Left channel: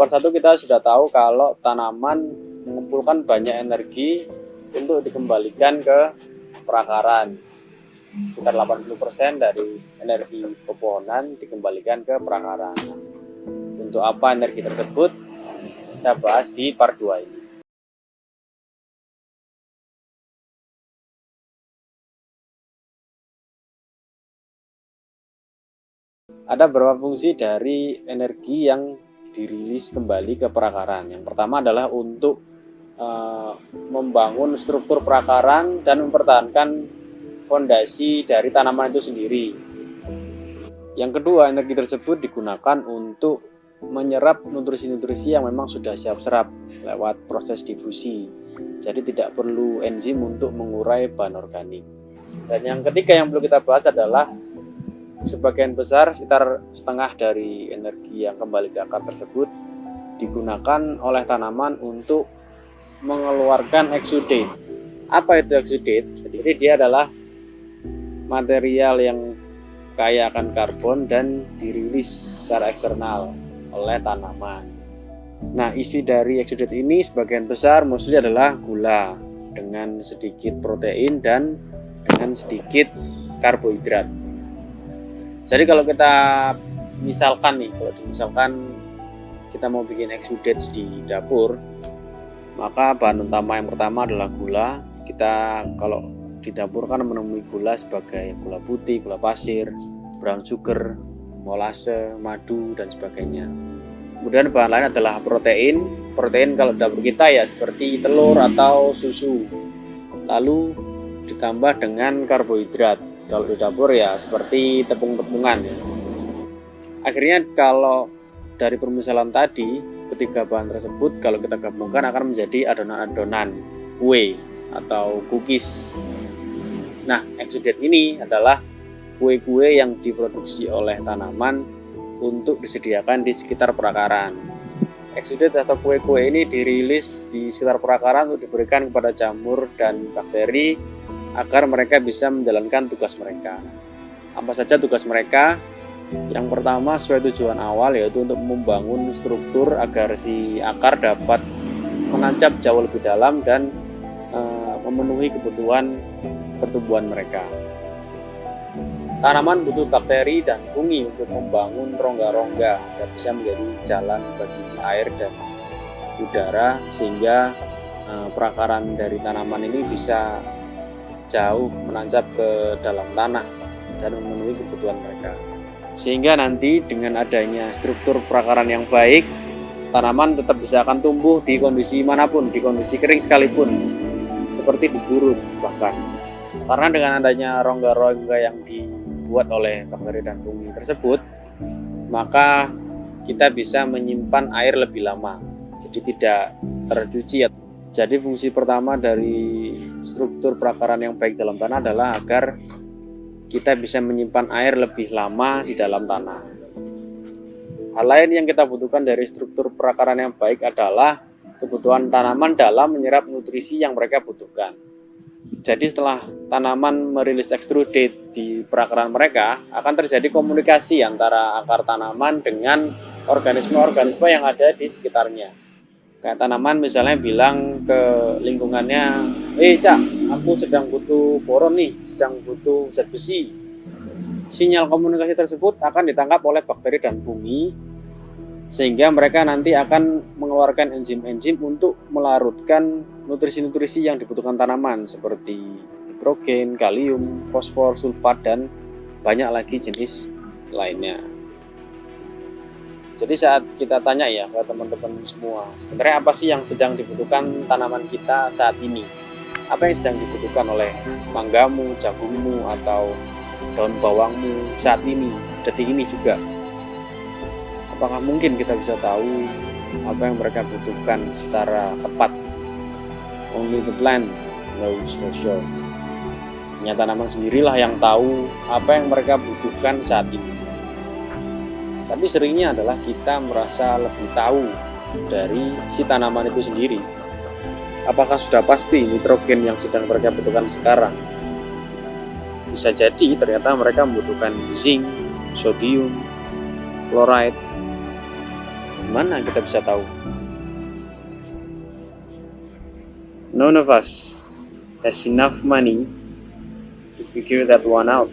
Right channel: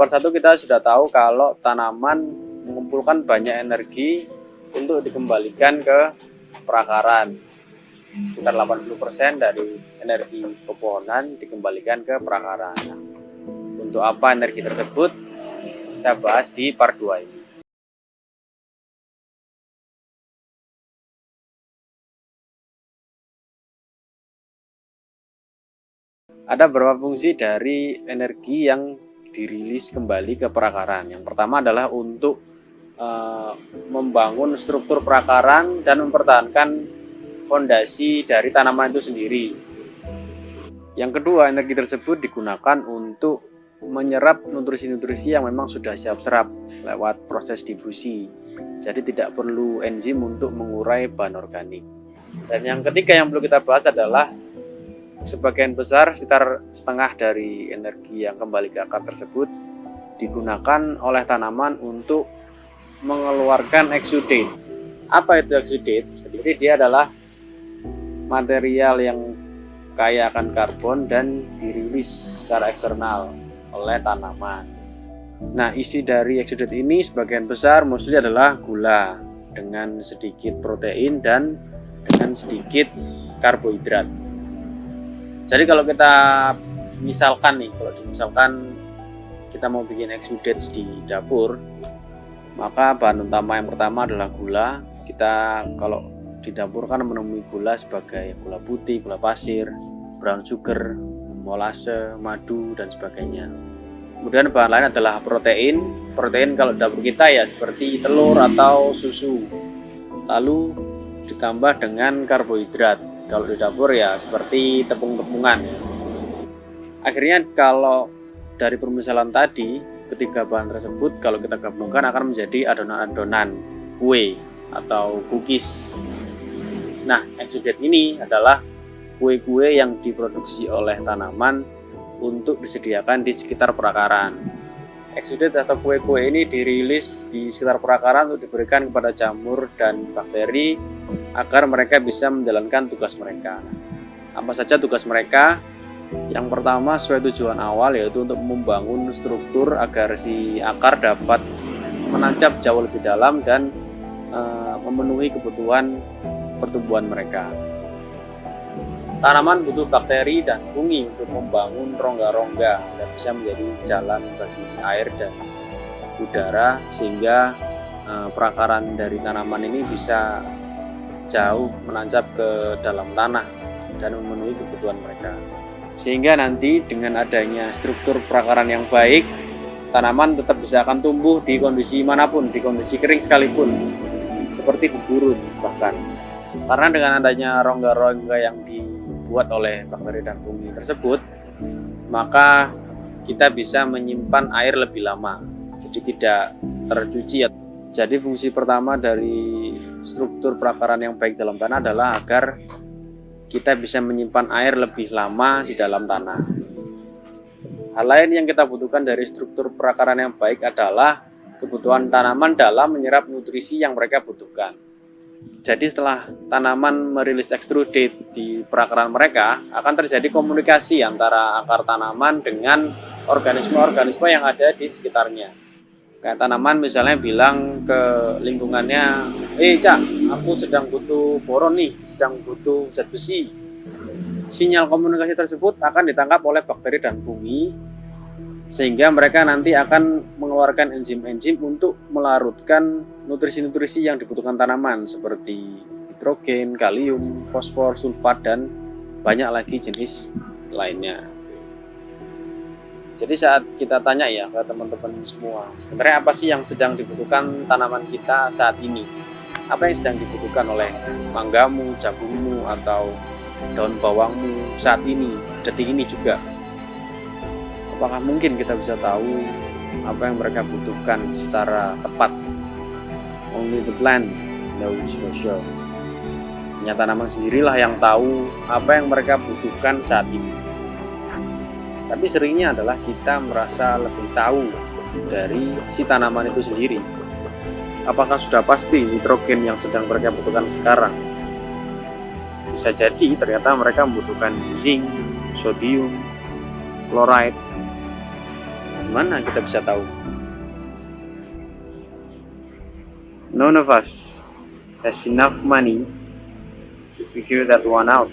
part 1 kita sudah tahu kalau tanaman mengumpulkan banyak energi untuk dikembalikan ke perakaran. Sekitar 80% dari energi pepohonan dikembalikan ke perakaran. Untuk apa energi tersebut? Kita bahas di part 2 ini. Ada beberapa fungsi dari energi yang dirilis kembali ke perakaran. Yang pertama adalah untuk membangun struktur perakaran dan mempertahankan fondasi dari tanaman itu sendiri. Yang kedua, energi tersebut digunakan untuk menyerap nutrisi-nutrisi yang memang sudah siap serap lewat proses difusi. Jadi tidak perlu enzim untuk mengurai bahan organik. Dan yang ketiga yang perlu kita bahas adalah sebagian besar, sekitar setengah dari energi yang kembali ke akar tersebut digunakan oleh tanaman untuk mengeluarkan exudate. Apa itu exudate? Jadi dia adalah material yang kaya akan karbon dan dirilis secara eksternal oleh tanaman. Nah, isi dari exudate ini sebagian besar mostly adalah gula dengan sedikit protein dan dengan sedikit karbohidrat. Jadi kalau kita misalkan kita mau bikin exudates di dapur, maka bahan utama yang pertama adalah gula. Kita kalau di dapur kan menemui gula sebagai gula putih, gula pasir, brown sugar, molase, madu, dan sebagainya. Kemudian bahan lain adalah protein. Protein kalau di dapur kita ya seperti telur atau susu. Lalu ditambah dengan karbohidrat. Kalau di dapur ya seperti tepung-tepungan ya. Akhirnya kalau dari permisalan tadi, ketiga bahan tersebut kalau kita gabungkan akan menjadi adonan-adonan kue atau cookies. Nah, exudate ini adalah kue-kue yang diproduksi oleh tanaman untuk disediakan di sekitar perakaran. Exudate atau kue-kue ini dirilis di sekitar perakaran untuk diberikan kepada jamur dan bakteri agar mereka bisa menjalankan tugas mereka. Apa saja tugas mereka? Yang pertama sesuai tujuan awal, yaitu untuk membangun struktur agar si akar dapat menancap jauh lebih dalam dan memenuhi kebutuhan pertumbuhan mereka. Tanaman butuh bakteri dan fungi untuk membangun rongga-rongga yang bisa menjadi jalan bagi air dan udara, sehingga perakaran dari tanaman ini bisa jauh menancap ke dalam tanah dan memenuhi kebutuhan mereka. Sehingga nanti dengan adanya struktur perakaran yang baik, tanaman tetap bisa akan tumbuh di kondisi manapun, di kondisi kering sekalipun, seperti di gurun bahkan. Karena dengan adanya rongga-rongga yang dibuat oleh bakteri dan fungi tersebut, maka kita bisa menyimpan air lebih lama, jadi tidak tercuci. Jadi fungsi pertama dari struktur perakaran yang baik dalam tanah adalah agar kita bisa menyimpan air lebih lama di dalam tanah. Hal lain yang kita butuhkan dari struktur perakaran yang baik adalah kebutuhan tanaman dalam menyerap nutrisi yang mereka butuhkan. Jadi setelah tanaman merilis exudate di perakaran mereka, akan terjadi komunikasi antara akar tanaman dengan organisme-organisme yang ada di sekitarnya. Kayak tanaman misalnya bilang ke lingkungannya, Cak, aku sedang butuh boron nih, sedang butuh zat besi. Sinyal komunikasi tersebut akan ditangkap oleh bakteri dan fungi, sehingga mereka nanti akan mengeluarkan enzim-enzim untuk melarutkan nutrisi-nutrisi yang dibutuhkan tanaman seperti nitrogen, kalium, fosfor, sulfat, dan banyak lagi jenis lainnya. Jadi saat kita tanya ya ke teman-teman semua, sebenarnya apa sih yang sedang dibutuhkan tanaman kita saat ini? Apa yang sedang dibutuhkan oleh manggamu, jagungmu, atau daun bawangmu saat ini, detik ini juga? Apakah mungkin kita bisa tahu apa yang mereka butuhkan secara tepat? Only the plant knows for sure. Hanya tanaman sendirilah yang tahu apa yang mereka butuhkan saat ini. Tapi seringnya adalah kita merasa lebih tahu dari si tanaman itu sendiri. Apakah sudah pasti nitrogen yang sedang mereka butuhkan sekarang? Bisa jadi ternyata mereka membutuhkan zinc, sodium, chloride, Gimana kita bisa tahu? None of us has enough money to figure that one out.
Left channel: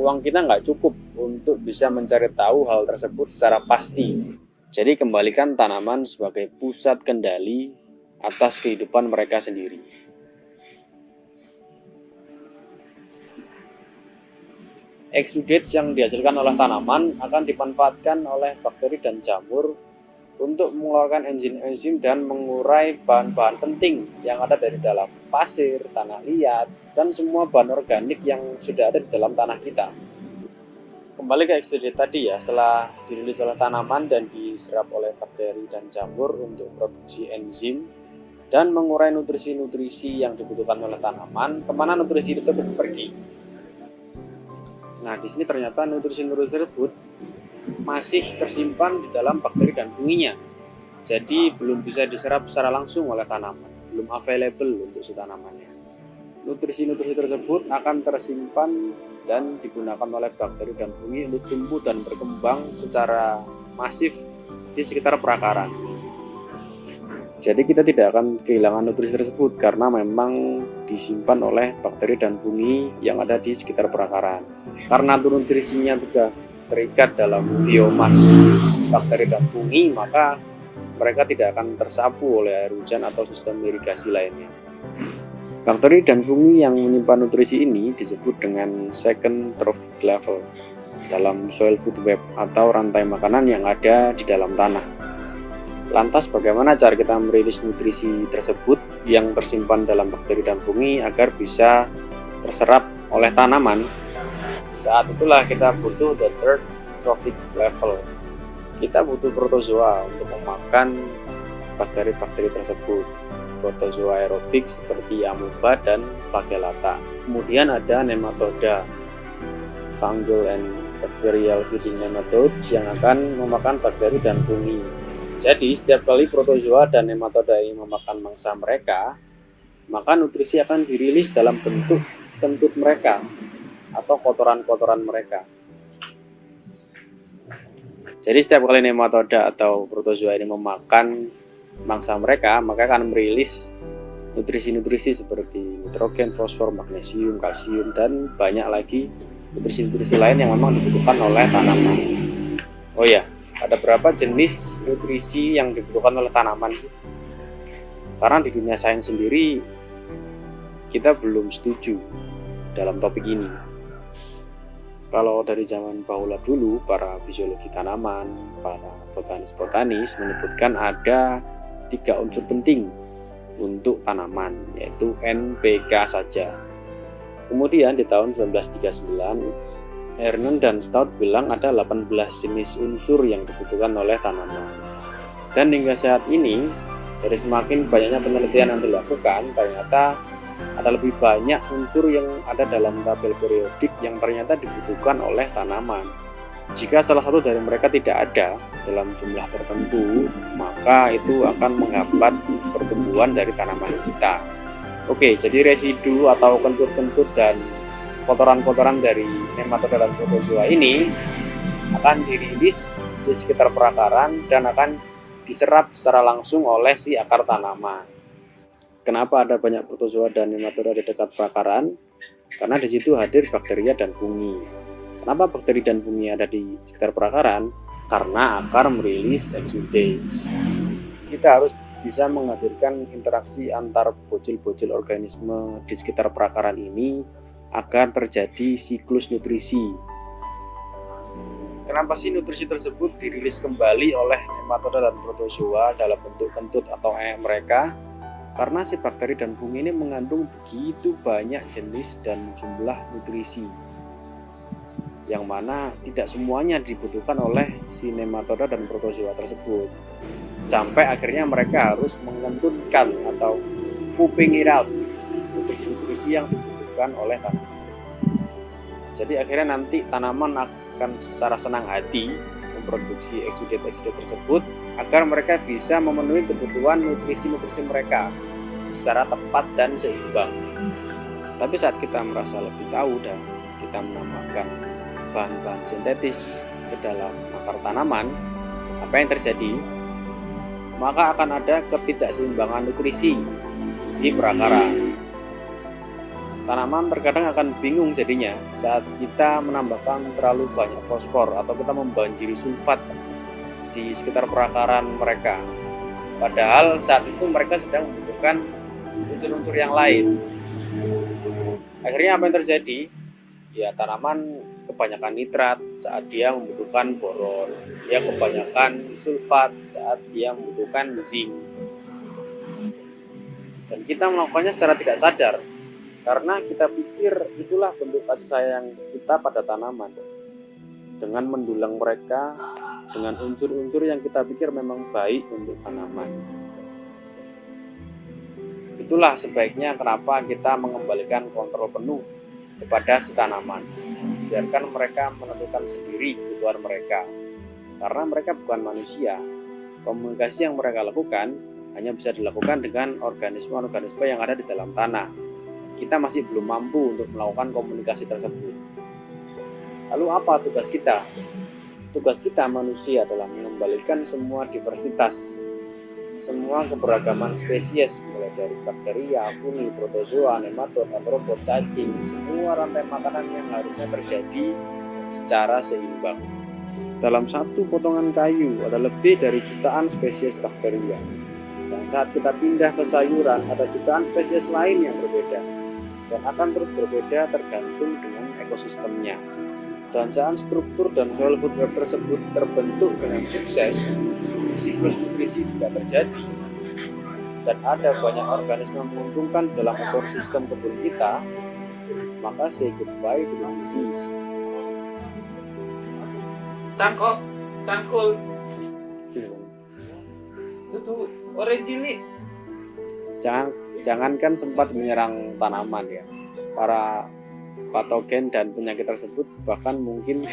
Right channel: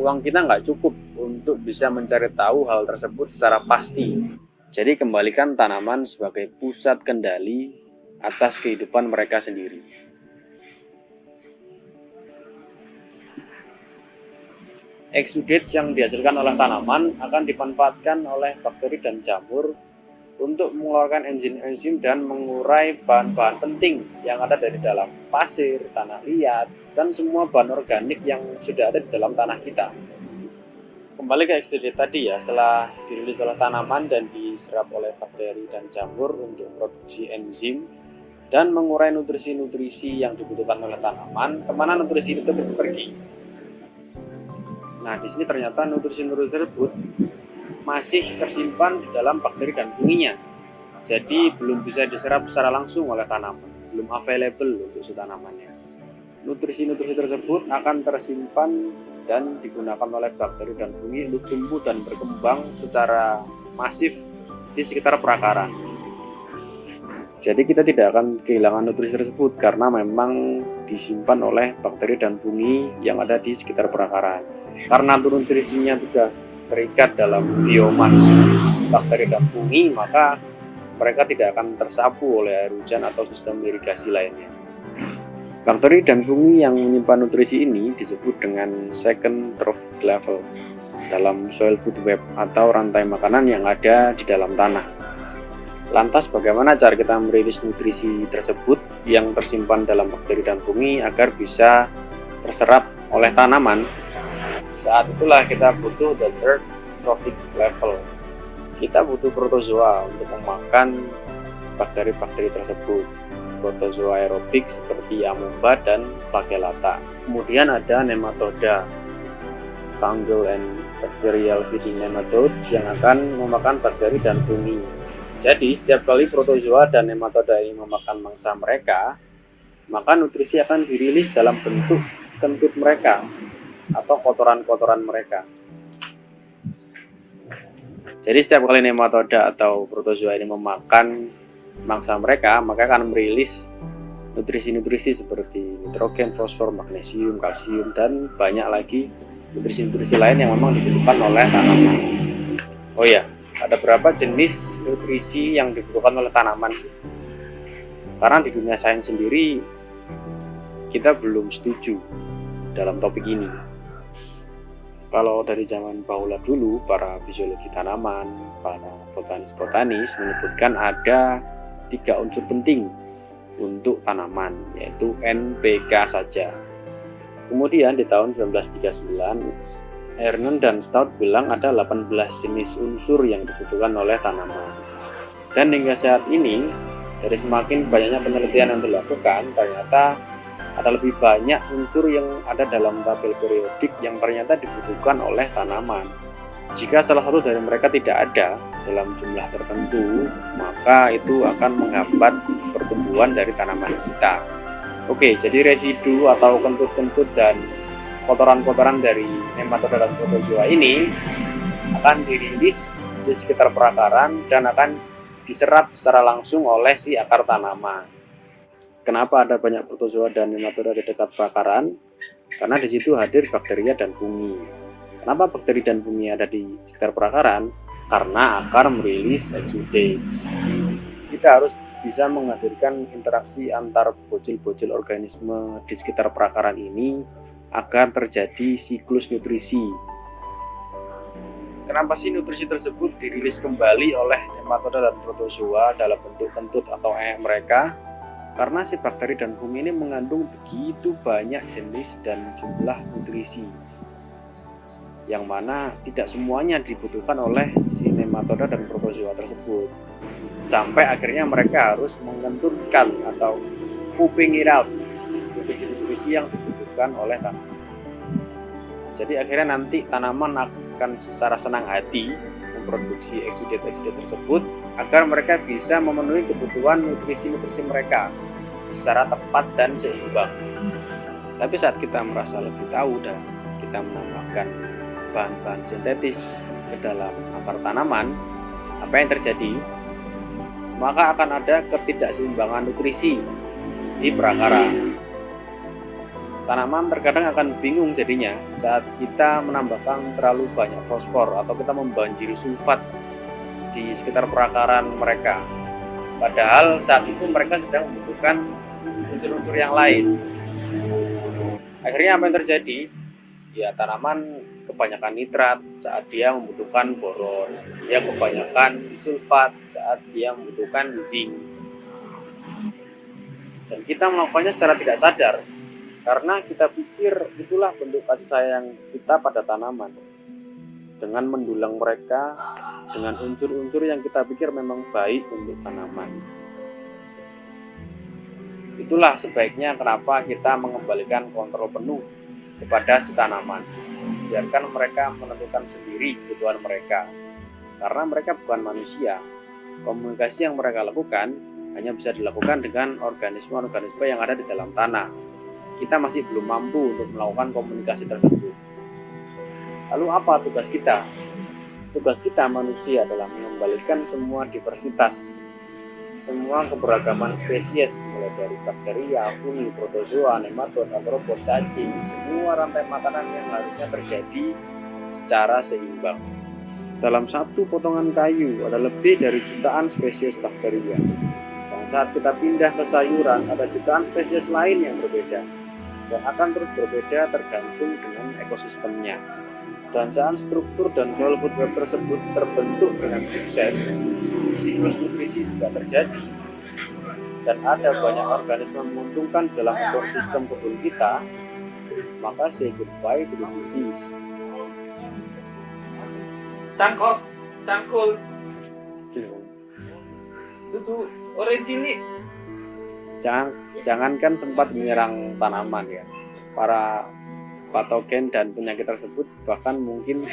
Uang kita nggak cukup untuk bisa mencari tahu hal tersebut secara pasti. Jadi kembalikan tanaman sebagai pusat kendali atas kehidupan mereka sendiri. Exudates yang dihasilkan oleh tanaman akan dimanfaatkan oleh bakteri dan jamur untuk mengeluarkan enzim-enzim dan mengurai bahan-bahan penting yang ada dari dalam pasir, tanah liat, dan semua bahan organik yang sudah ada di dalam tanah kita. Kembali ke exudate tadi ya, setelah dirilis oleh tanaman dan diserap oleh bakteri dan jamur untuk produksi enzim dan mengurai nutrisi-nutrisi yang dibutuhkan oleh tanaman, kemana nutrisi itu pergi? Nah, di sini ternyata nutrisi-nutrisi tersebut masih tersimpan di dalam bakteri dan funginya. Jadi belum bisa diserap secara langsung oleh tanaman, belum available untuk si tanamannya. Nutrisi-nutrisi tersebut akan tersimpan dan digunakan oleh bakteri dan fungi untuk tumbuh dan berkembang secara masif di sekitar perakaran. Jadi kita tidak akan kehilangan nutrisi tersebut karena memang disimpan oleh bakteri dan fungi yang ada di sekitar perakaran. Karena nutrisinya sudah terikat dalam biomas bakteri dan fungi, maka mereka tidak akan tersapu oleh air hujan atau sistem irigasi lainnya. Bakteri dan fungi yang menyimpan nutrisi ini disebut dengan second trophic level dalam soil food web atau rantai makanan yang ada di dalam tanah. Lantas bagaimana cara kita merilis nutrisi tersebut yang tersimpan dalam bakteri dan fungi agar bisa terserap oleh tanaman? Saat itulah kita butuh the third trophic level. Kita butuh protozoa untuk memakan bakteri-bakteri tersebut. Protozoa aerobik seperti amoeba dan flagellata. Kemudian ada nematoda, fungal and bacterial feeding nematodes yang akan memakan bakteri dan fungi. Jadi setiap kali protozoa dan nematoda ini memakan mangsa mereka, maka nutrisi akan dirilis dalam bentuk kentut mereka atau kotoran-kotoran mereka. Jadi setiap kali nematoda atau protozoa ini memakan mangsa mereka, maka akan merilis nutrisi-nutrisi seperti nitrogen, fosfor, magnesium, kalsium, dan banyak lagi nutrisi-nutrisi lain yang memang dibutuhkan oleh tanaman. Oh ya, ada berapa jenis nutrisi yang dibutuhkan oleh tanaman sih? Karena di dunia sains sendiri kita belum setuju dalam topik ini. Kalau dari zaman bahula dulu, para fisiologi tanaman, para botanis-botanis menyebutkan ada 3 unsur penting untuk tanaman, yaitu NPK saja. Kemudian di tahun 1939, Ernen dan Stout bilang ada 18 jenis unsur yang dibutuhkan oleh tanaman. Dan hingga saat ini, dari semakin banyaknya penelitian yang dilakukan, ternyata ada lebih banyak unsur yang ada dalam tabel periodik yang ternyata dibutuhkan oleh tanaman. Jika salah satu dari mereka tidak ada dalam jumlah tertentu, maka itu akan menghambat pertumbuhan dari tanaman kita. Oke, jadi residu atau kentut-kentut dan kotoran-kotoran dari nematoda dan protozoa ini akan dirilis di sekitar perakaran dan akan diserap secara langsung oleh si akar tanaman. Kenapa ada banyak protozoa dan nematoda di dekat perakaran? Karena di situ hadir bakteria dan fungi. Kenapa bakteri dan fungi ada di sekitar perakaran? Karena akar merilis exudates. Kita harus bisa menghadirkan interaksi antar bocil-bocil organisme di sekitar perakaran ini agar terjadi siklus nutrisi. Kenapa sih nutrisi tersebut dirilis kembali oleh nematoda dan protozoa dalam bentuk kentut atau mereka? Karena si bakteri dan fungi ini mengandung begitu banyak jenis dan jumlah nutrisi, yang mana tidak semuanya dibutuhkan oleh si nematoda dan protozoa tersebut. Sampai akhirnya mereka harus mengentutkan atau pooping it out nutrisi-nutrisi yang dibutuhkan oleh tanaman. Jadi akhirnya nanti tanaman akan secara senang hati memproduksi exudate-exudate tersebut agar mereka bisa memenuhi kebutuhan nutrisi-nutrisi mereka secara tepat dan seimbang. Tapi saat kita merasa lebih tahu dan kita menambahkan bahan-bahan sintetis ke dalam akar tanaman, apa yang terjadi? Maka akan ada ketidakseimbangan nutrisi di perakara. Tanaman terkadang akan bingung jadinya saat kita menambahkan terlalu banyak fosfor atau kita membanjiri sulfat di sekitar perakaran mereka. Padahal saat itu mereka sedang membutuhkan unsur-unsur yang lain. Akhirnya apa yang terjadi? Ya, tanaman kebanyakan nitrat saat dia membutuhkan boron, dia kebanyakan sulfat saat dia membutuhkan zinc. Dan kita melakukannya secara tidak sadar karena kita pikir itulah bentuk kasih sayang kita pada tanaman. Dengan mendulang mereka dengan unsur-unsur yang kita pikir memang baik untuk tanaman. Itulah sebaiknya kenapa kita mengembalikan kontrol penuh kepada si tanaman. Biarkan mereka menentukan sendiri kebutuhan mereka. Karena mereka bukan manusia, komunikasi yang mereka lakukan hanya bisa dilakukan dengan organisme-organisme yang ada di dalam tanah. Kita masih belum mampu untuk melakukan komunikasi tersebut. Lalu apa tugas kita? Tugas kita manusia adalah mengembalikan semua diversitas, semua keberagaman spesies, mulai dari bakteria, fungi, protozoa, nematod, artropod, cacing, semua rantai makanan yang harusnya terjadi secara seimbang. Dalam satu potongan kayu ada lebih dari jutaan spesies bakteria. Dan saat kita pindah ke sayuran ada jutaan spesies lain yang berbeda dan akan terus berbeda tergantung dengan ekosistemnya. Perancangan struktur dan soil food web tersebut terbentuk dengan sukses, siklus nutrisi juga terjadi, dan ada banyak organisme menguntungkan dalam ekosistem kebun kita, maka say goodbye to the disease. Cangkul itu orange ini. Jangankan sempat menyerang tanaman ya, para patogen dan penyakit tersebut bahkan mungkin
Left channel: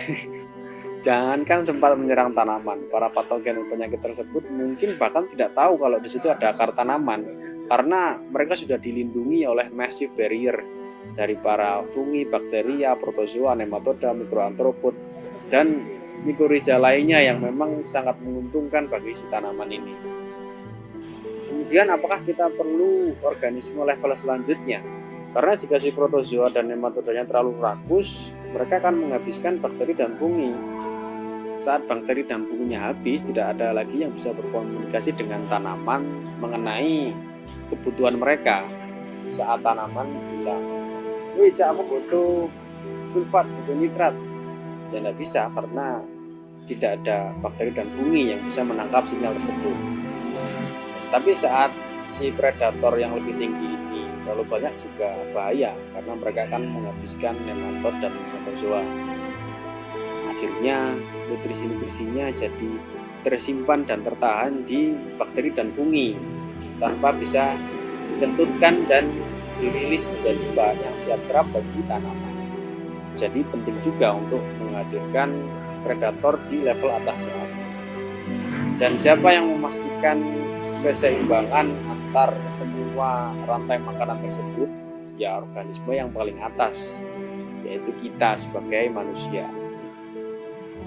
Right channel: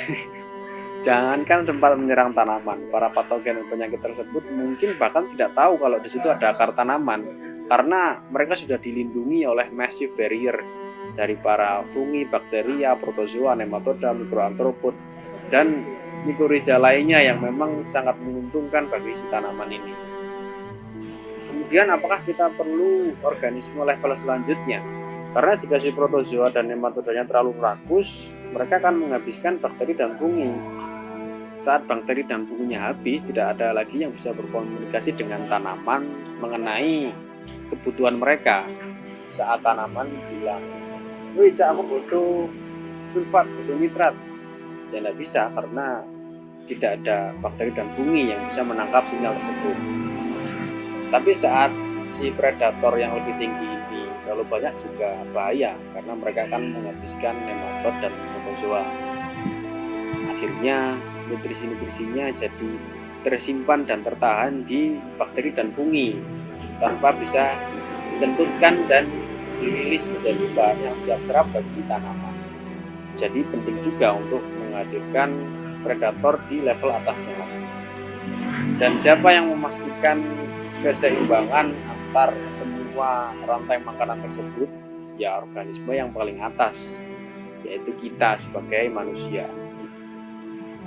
jangankan sempat menyerang tanaman, para patogen dan penyakit tersebut mungkin bahkan tidak tahu kalau di situ ada akar tanaman karena mereka sudah dilindungi oleh massive barrier dari para fungi, bakteria, protozoa, nematoda, mikroartropod dan mikoriza lainnya yang memang sangat menguntungkan bagi si tanaman ini. Kemudian apakah kita perlu organisme level selanjutnya? Karena jika si protozoa dan nematodanya terlalu rakus, mereka akan menghabiskan bakteri dan fungi. Saat bakteri dan funginya habis, tidak ada lagi yang bisa berkomunikasi dengan tanaman mengenai kebutuhan mereka. Saat tanaman bilang, "Wih, Cak, aku butuh sulfat, butuh nitrat." Ya tidak bisa karena tidak ada bakteri dan fungi yang bisa menangkap sinyal tersebut. Tapi saat si predator yang lebih tinggi ini terlalu banyak juga bahaya karena mereka akan menghabiskan nematod dan protozoa. Akhirnya nutrisi-nutrisinya jadi tersimpan dan tertahan di bakteri dan fungi tanpa bisa ditentukan dan dirilis menjadi bahan yang siap serap bagi tanaman. Jadi penting juga untuk menghadirkan predator di level atasnya. Dan siapa yang memastikan keseimbangan antar semua rantai makanan tersebut? Ya organisme yang paling atas, yaitu kita sebagai manusia.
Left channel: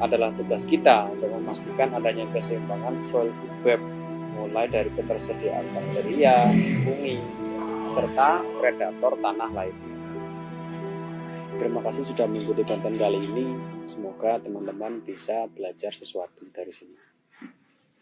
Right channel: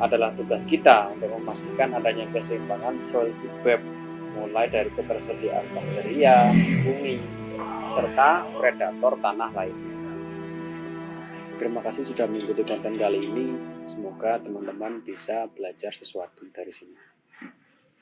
Adalah tugas kita untuk memastikan adanya keseimbangan soil food web, mulai dari ketersediaan bakteria, fungi, serta predator tanah lainnya. Terima kasih sudah mengikuti konten kali ini. Semoga teman-teman bisa belajar sesuatu dari sini.